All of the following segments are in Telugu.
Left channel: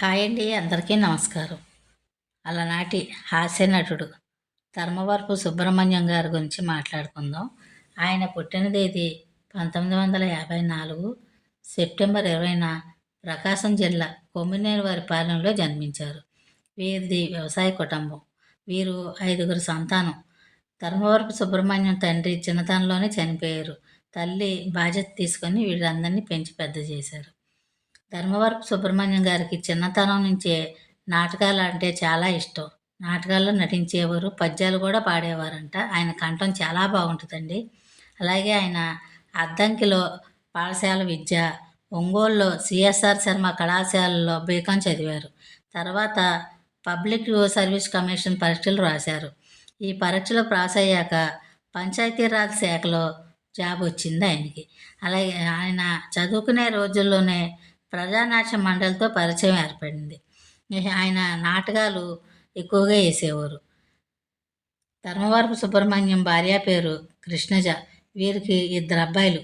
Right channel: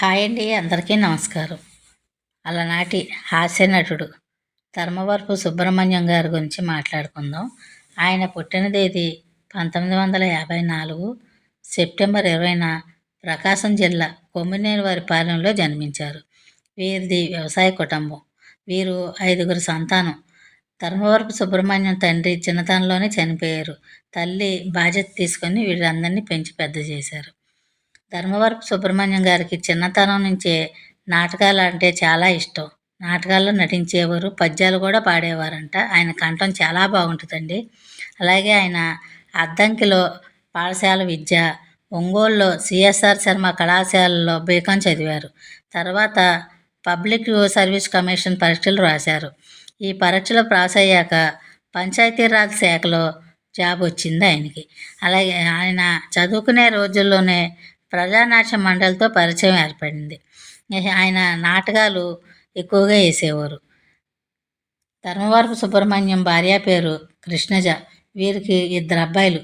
హాయ్ అండి అందరికీ నమస్కారం. అలనాటి హాస్య నటుడు ధర్మవరపు సుబ్రహ్మణ్యం గారి గురించి మాట్లాడుకుందాం. ఆయన పుట్టిన తేదీ పంతొమ్మిది వందల యాభై నాలుగు సెప్టెంబర్ ఇరవైన ప్రకాశం జిల్లా కొమ్మినేని వారి పాలెంలో జన్మించారు. వీరిది వ్యవసాయ కుటుంబం. వీరు ఐదుగురు సంతానం. ధర్మవరపు సుబ్రహ్మణ్యం తండ్రి చిన్నతనంలోనే చనిపోయారు. తల్లి బాధ్యత తీసుకొని వీళ్ళందరినీ పెంచి పెద్ద చేశారు. ధర్మవరపు సుబ్రహ్మణ్యం గారికి చిన్నతనం నుంచే నాటకాలు అంటే చాలా ఇష్టం. నాటకాల్లో నటించేవారు పద్యాలు కూడా పాడేవారంట. ఆయన కంఠం చాలా బాగుంటుందండి. అలాగే ఆయన అద్దంకిలో పాఠశాల విద్య ఒంగోలులో సిఎస్ఆర్ శర్మ కళాశాలలో బీకాం చదివారు. తర్వాత పబ్లిక్ సర్వీస్ కమిషన్ పరీక్షలు రాశారు. ఈ పరీక్షలు పాస్ అయ్యాక పంచాయతీరాజ్ శాఖలో జాబ్ వచ్చింది ఆయనకి. అలాగే ఆయన చదువుకునే రోజుల్లోనే ప్రజానాట్య మండలితో పరిచయం ఏర్పడింది. ఆయన నాటకాలు ఎక్కువగా వేసేవారు. ధర్మవరపు సుబ్రహ్మణ్యం భార్య పేరు కృష్ణజ. వీరికి ఇద్దరు అబ్బాయిలు.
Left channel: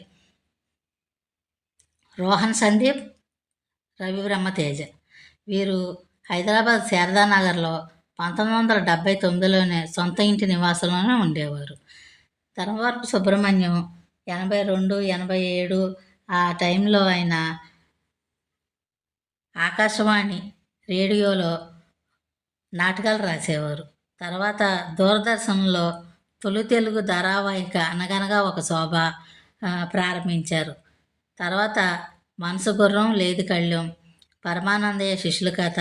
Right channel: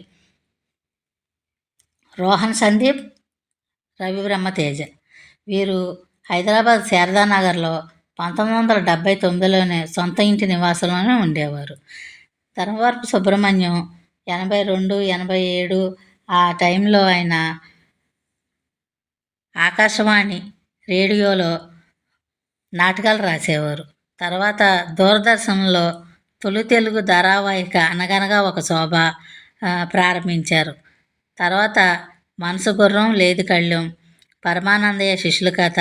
రోహన్ సందీప్ రవి బ్రహ్మతేజ వీరు హైదరాబాద్ శారదానగర్లో పంతొమ్మిది వందల డెబ్భై తొమ్మిదిలోనే సొంత ఇంటి నివాసంలోనే ఉండేవారు. ధర్మవరపు సుబ్రహ్మణ్యం ఎనభై రెండు ఎనభై ఏడు ఆ టైంలో ఆయన ఆకాశవాణి రేడియోలో నాటకాలు రాసేవారు. తర్వాత దూరదర్శన్లో తొలి తెలుగు ధారావాహిక అనగనగా ఒక శోభ ప్రారంభించారు. తర్వాత మనసు గుర్రం లేదు కళ్ళెం పరమానందయ్య శిష్యుల కథ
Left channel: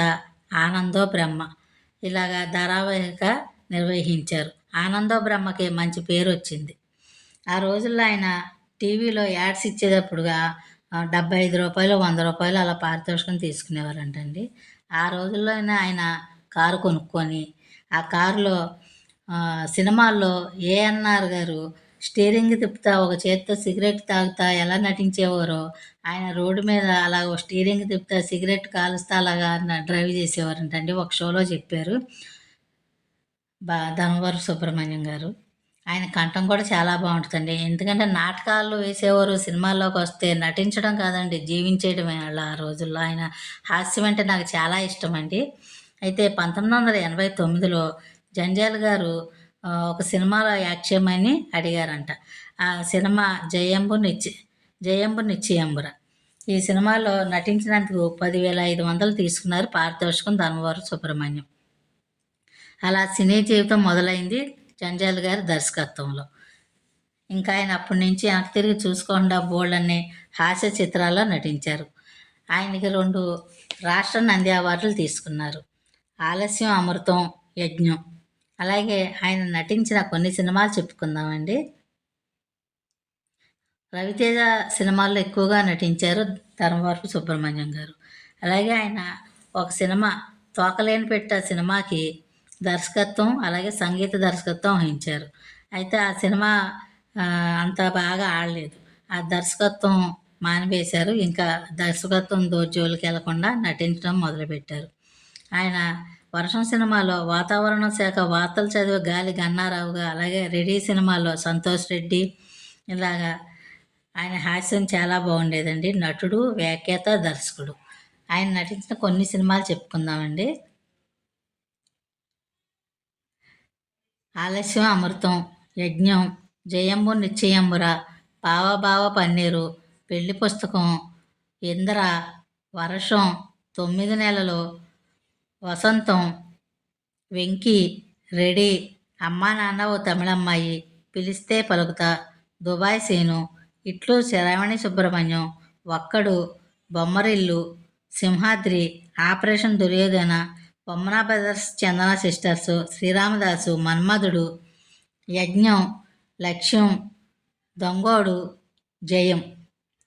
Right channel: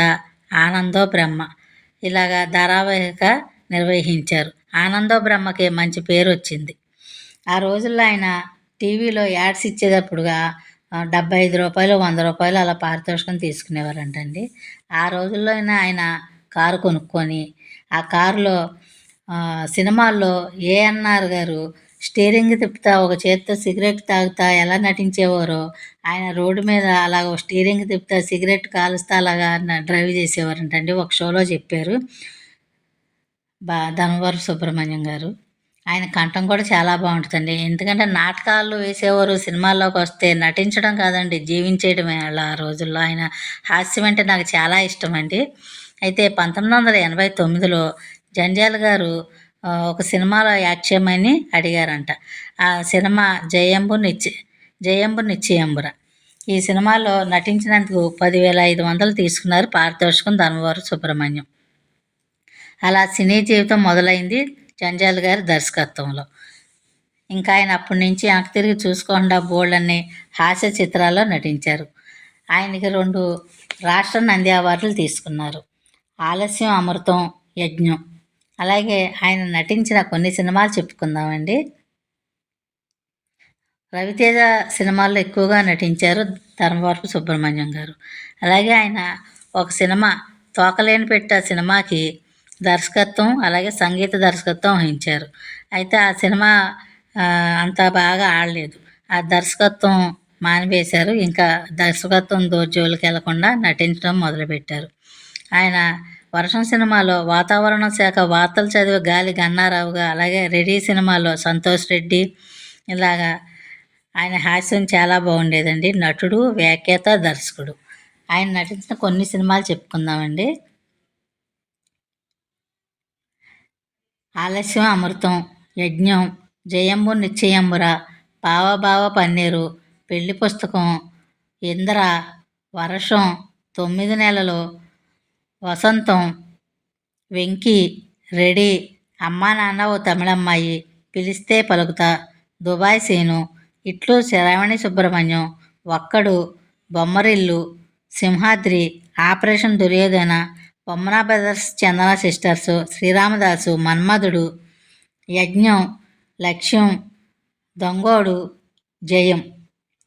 ఆనందో బ్రహ్మ ఇలాగా ధారావాహిక నిర్వహించారు. ఆనందో బ్రహ్మకి మంచి పేరు వచ్చింది. ఆ రోజుల్లో ఆయన టీవీలో యాడ్స్ ఇచ్చేటప్పుడుగా డెబ్బై ఐదు రూపాయలు వంద రూపాయలు అలా పారితోషికం తీసుకునేవారంటండి. ఆ రోజుల్లో అయినా ఆయన కారు కొనుక్కొని ఆ కారులో సినిమాల్లో ఏఎన్ఆర్ గారు స్టీరింగ్ తిప్పుతా ఒక చేత్తో సిగరెట్ తాగుతా ఎలా నటించేవారో ఆయన రోడ్డు మీద అలాగ స్టీరింగ్ తిప్పుతా సిగరెట్ కాలుస్తా అలాగా డ్రైవ్ చేసేవారంటండి. ఒక షోలో చెప్పారు బా ధనవర సుబ్రహ్మణ్యం గారు. ఆయన కంఠం కూడా చాలా బాగుంటుందండి. ఎందుకంటే నాటకాలు వేసేవారు సినిమాల్లోకి వస్తే నటించడం కాదండి జీవించేయడమే అలా ఆ రోజుల్లో. ఆయన హాస్యం అంటే నాకు చాలా ఇష్టం అండి అయితే పంతొమ్మిది వందల ఎనభై తొమ్మిదిలో జంజాల్ గారు ఒక సినిమాలో యాక్ట్ చేయమని అడిగారంట. ఆ సినిమా జయంబు నిచ్చి జయంబు నిశ్చయంబుర ఈ సినిమాలో నటించినందుకు పదివేల ఐదు వందలు తీసుకున్నారు పారితోషికం ధర్మవరం సుబ్రహ్మణ్యం. అలా సినీ జీవితం మొదలైంది. జంజాల్ గారి దర్శకత్వంలో. ఇంకా ఆయన అప్పటి నుంచి వెనక్కి తిరిగి చూసుకోకుండా బోల్డ్ అనే హాస్య చిత్రాల్లో నటించారు. ఆయనకి రెండు రాష్ట్ర నంది అవార్డులు తీసుకున్నారు. ఆలస్యం అమృతం యజ్ఞం. అలాగే ఆయన నటించిన కొన్ని సినిమాలు చెప్పుకుందామండి. రవితేజ సినిమాల్లో ఎక్కువగా నటించారు ధర్మవరపు సుబ్రహ్మణ్యం గారు. అలాగే ఆయన ఒక సినిమా తోకలేని పెట్ట సినిమాకి దర్శకత్వం అలాగే సంగీత దర్శకత్వం వహించారు. అయితే ఆ సినిమా అంత బాగా ఆడలేదు. ఆ దర్శకత్వం మానివేశారు. ఇంకా దర్శకత్వం దోర్జోలికి వెళ్ళకుండా నటించడం మొదలుపెట్టారు. ఆయన వర్షం సినిమాలో వాతావరణ శాఖ వార్తలు చదివే గాలి గన్నారావుగా అలాగే రెడీ సినిమాలో సంతోష్ రెడ్డి ఇలాగా ఆయన హాస్యం చాలా బాగుండేదండి. నటుడు వ్యాఖ్యాత దర్శకుడు. ఆయన నటించిన కొన్ని సినిమాలు చెప్పుకుందామండి. ఆలస్యం అమృతం యజ్ఞం జయంబు నిశ్చయంబుర పావభావ పన్నీరు పెళ్ళి పుస్తకం ఇంద్ర వర్షం తొమ్మిది నెలలు వసంతం వెంకీ రెడీ అమ్మా నాన్న ఓ తమిళమ్మాయి పిలిస్తే పలుకుతా Dubai scene Itlu Sravani Subramanyam Okkadu Bommarillu Simhadri operation Duryodhana Bommana brothers Chandana sisters Sriramadasu Manmadhudu Yagnam Lakshyam Dongodu జయం.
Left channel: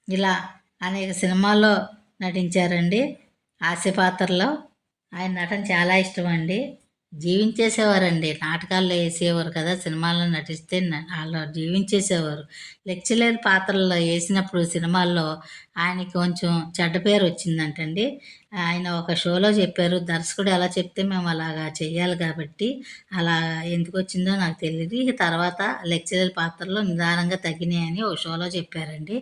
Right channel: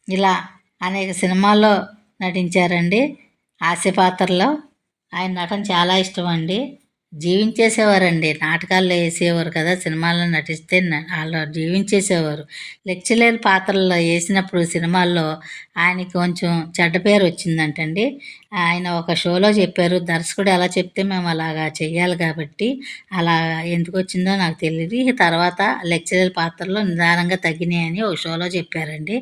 ఇలా అనేక సినిమాల్లో నటించారండి. హాస్య పాత్రలో ఆయన నటన చాలా ఇష్టం అండి జీవించేసేవారండి. నాటకాల్లో వేసేవారు కదా సినిమాల్లో నటిస్తే వాళ్ళు జీవించేసేవారు. లెక్చరర్ పాత్రల్లో వేసినప్పుడు సినిమాల్లో ఆయనకి కొంచెం చెడ్డ పేరు వచ్చిందంటండి. ఆయన ఒక షోలో చెప్పారు దర్శకుడు ఎలా చెప్తే మేము అలాగా చెయ్యాలి కాబట్టి అలా ఎందుకు వచ్చిందో నాకు తెలియదు తర్వాత లెక్చరర్ పాత్రలో నిదానంగా తగ్గినాయని ఒక షోలో చెప్పారండి.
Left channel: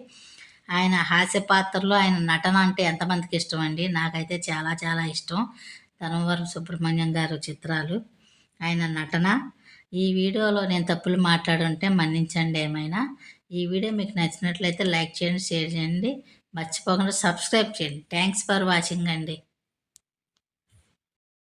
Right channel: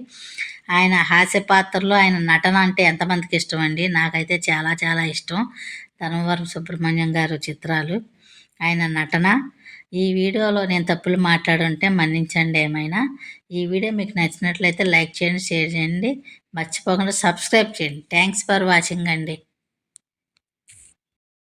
ఆయన హాస్య పాత్రలో ఆయన నటన అంటే ఎంతమందికి ఇష్టం అండి? నాకైతే చాలా చాలా ఇష్టం. ధర్మవరం సుబ్రహ్మణ్యం గారు చిత్రాలు ఆయన నటన. ఈ వీడియోలో నేను తప్పులు మాట్లాడుంటే మన్నించండి ఏమైనా. ఈ వీడియో మీకు నచ్చినట్లయితే లైక్ చేయండి షేర్ చేయండి. మర్చిపోకుండా సబ్స్క్రైబ్ చేయండి. థ్యాంక్స్ ఫర్ వాచింగ్ అండి.